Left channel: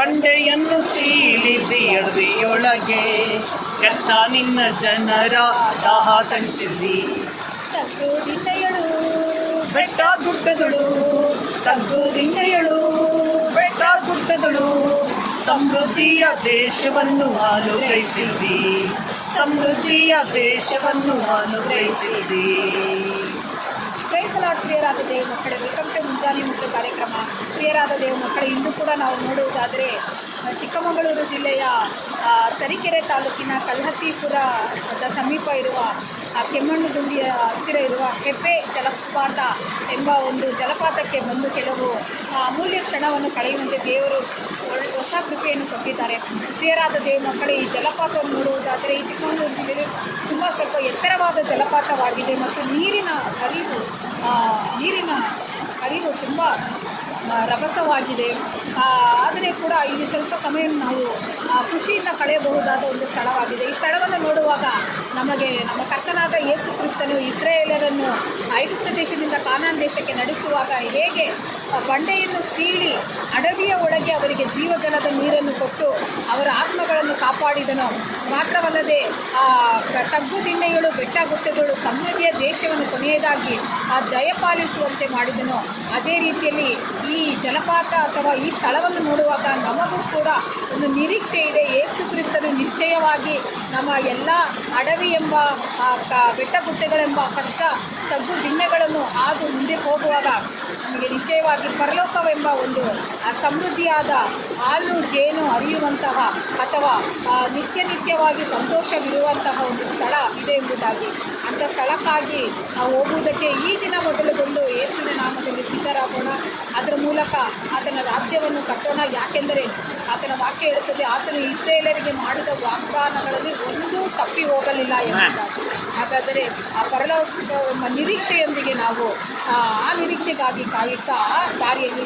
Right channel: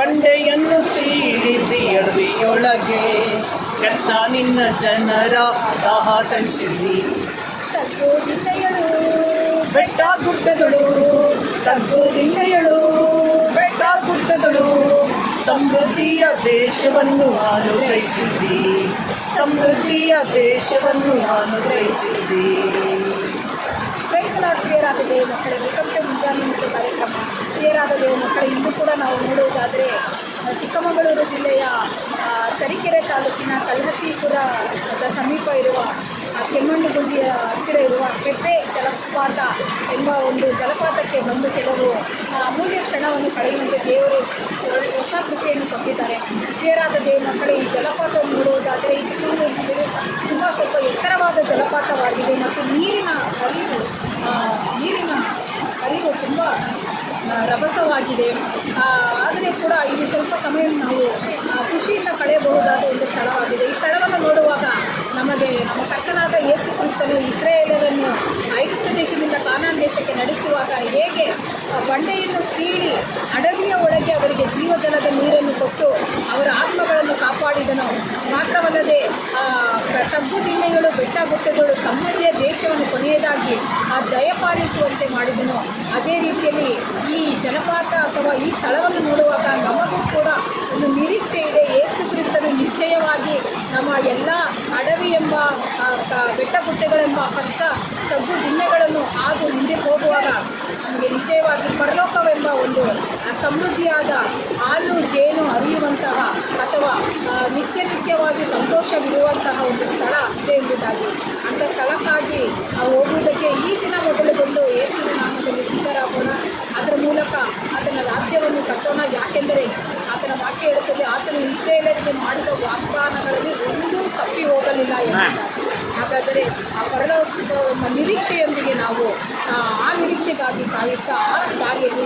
ಬಂಡೆಯನ್ನು ಸೀಳಿದ್ದಿ ಅಡವಿಯೊಳಗೆ ಕೆತ್ತ ನಿನ್ನ ಜನರ ದಾಹ ತಣಿಸಿದ್ದಿ. ತಗ್ಗೋದಿಲ್ಲಯಳು ಬೆಟ್ಟ ಗುಡ್ಡಗಳು ತಗ್ಗೋದಿಲ್ಲಯಳು ಬೆಟ್ಟ ಗುಡ್ಡಗಳು ಸಮೃದ್ಧಿಯ ದೇಶವನ್ನು ಅನುಗ್ರಹಿಸಿದ್ದಿ. ಸಮೃದ್ಧಿಯ ದೇಶವನ್ನು ಅನುಗ್ರಹಿಸಿದ್ದಿ. ಪ್ರಿಯರಾದ ದೇವ ಮಕ್ಕಳೇ, ವೆಲ್ಕಮ್ ಟು ಮುಂಜಾನೆ ಮುಖ್ಯ ಕಾರ್ಯಕ್ರಮ. ಪ್ರಿಯರಾದ ದೇವ ಮಕ್ಕಳೇ, ಇಂದು ಕೂಡ ನಾವು ನೋಡುವುದಾದರೆ ಚಿಕ್ಕಮಗಳೂರು ಜಿಲ್ಲೆಯ ತರೀಕೆರೆ ತಾಲೂಕಿನ ಕಲ್ಹಟ್ಟಿಪುರದ ಸಮೀಪ ಇರುವ ಕೆಮ್ಮಣ್ಣುಗುಂಡಿಯ ಹತ್ತಿರ ಇರುವ ಕೆಪ್ಪೆ ಜಲಪಾತ ಎಂಬ ಒಂದು ಜಲಪಾತಕ್ಕೆ ಬಂದು ಕೆಲವು ಅಮೂಲ್ಯ ಕ್ಷಣವನ್ನು ಪಡೆಯುವಂತೆ ದೇವರು ಹೊಸ ಕೃಪೆಯನ್ನು ಕೊಟ್ಟಿದ್ದಾರೆ. ಪ್ರಿಯರಾದ ದೇವ ಮಕ್ಕಳೇ, ಈ ಜಲಪಾತವನ್ನು ನೋಡುವುದಾದರೆ ಈ ಚಿಕ್ಕಮಗಳೂರು ಜಿಲ್ಲೆಗೆ ತುಂಬ ಸ್ವಲ್ಪ ಎತ್ತರವಾದ ಜಲಪಾತವಾಗಿದೆ ಮತ್ತು ನೀರಿನ ಹರಿವು ತುಂಬ ರಭಸವಾಗಿದೆ. ಆದರೆ ಕೂಡ ಇದು ಸ್ವಲ್ಪ ಸಮಯ ನಾವು ಖುಷಿಯಿಂದ ಕಳೆಯಬಹುದಾದ ಒಂದು ಸ್ಥಳವಾಗಿದೆ. ಈ ಸ್ಥಳವನ್ನು ನೋಡುವಾಗ ನಮಗೆ ನಮ್ಮ ಕರ್ತನಾದ ಯೇಸು ಕ್ರಿಸ್ತನು ಇಸ್ರಾಯೇಲರನ್ನು ಐಗುಪ್ತ ದೇಶದಿಂದ ಕಾನಾನ್ ದೇಶಕ್ಕೆ ನಡೆಸುವಾಗ ಹೇಗೆ ಬಂಡೆಯನ್ನು ಸೀಳಿ ಅಡವಿಯ ಒಳಗೆ ಅವರಿಗೆ ಜೀವಜಲದ ನೀರನ್ನು ಕೊಟ್ಟು ಅವರ ಆತ್ಮಗಳನ್ನು ಕಾಪಾಡಿದನು. ಮಾತ್ರವಲ್ಲದೆ ತಗ್ಗು ದಿಣ್ಣೆಗಳು ಬೆಟ್ಟ ಗುಡ್ಡಗಳು ಸಮೃದ್ಧಿಯ ದೇಶವನ್ನು ಕೊನೆಯದಾಗಿ ದಯಪಾಲಿಸುವಂತೆ ಮಾಡಿದನು. ಅದೇ ರೀತಿಯಲ್ಲಿ ಈ ಜಲಪಾತ ಅಥವಾ ಈ ಸ್ಥಳವನ್ನು ನೋಡುವಾಗ ನಮಗೂ ಕೂಡ ಒಂದು ನಿರೀಕ್ಷೆ ಇದೆ. ಯೇಸು ಕ್ರಿಸ್ತನು ನಿಶ್ಚಯವಾಗಿ ನಮ್ಮ ಎಲ್ಲ ಅಡವಿ ಎಂಬ ಬೆಟ್ಟ ಗುಡ್ಡಗಳೆಂಬ ಕಷ್ಟ ತಗ್ಗು ದಿಣ್ಣೆಗಳನ್ನು ಹಾದು ಮುಂದೆ ಹೋಗುವಾಗ ನಮಗೆ ನಿಶ್ಚಯವಾಗಿ ಪರಲೋಕವೆಂಬ ಒಂದು ಸಮೃದ್ಧಿಯಾದ ಹಾಲು ಜೇನು ಹರಿಯುವಂತಹ ಅಥವಾ ನಿತ್ಯವಾಗಿ ಸಂತೋಷವಿರುವಂತಹ ಒಂದು ಸ್ಥಳ ಇದೆ ಎಂಬುದಾಗಿ, ಅಂಥ ಸ್ಥಳಕ್ಕಾಗಿ ನಾವು ಹೋಗುವುದಕ್ಕೆ ಈ ದಿನ ಮೊದಲುಗೊಂಡು ಯೇಸುವಿನ ನಾಮದಲ್ಲಿ ಸಿದ್ಧರಾಗೋಣ. ಅದರ ಮೂಲಕ ಆತನ ರಾಜ್ಯವನ್ನು ಕಟ್ಟೋಣ. ಯಾಕೆಂದರೆ ಆತನ ವಾಕ್ಯ ಹೇಳುತ್ತದೆ, ಆತನು ಇಸ್ರಾಯೇಲರಿಗೆ ಮಾಡಿದ ವಾಗ್ದಾನಗಳಲ್ಲಿ ಒಂದೂ ತಪ್ಪಿ ಹೋಗಲಿಲ್ಲ ಎಂಬುದಾಗಿ. ಹಾಗಾದರೆ ಆ ಪರಲೋಕ ನಿರೀಕ್ಷೆಯೊಂದಿಗೆ ನಾವು ಆ ನಿರೀಕ್ಷೆಗಾಗಿ ಕಾಯುತ್ತಾ ಆ ದಾರಿಯಲ್ಲಿ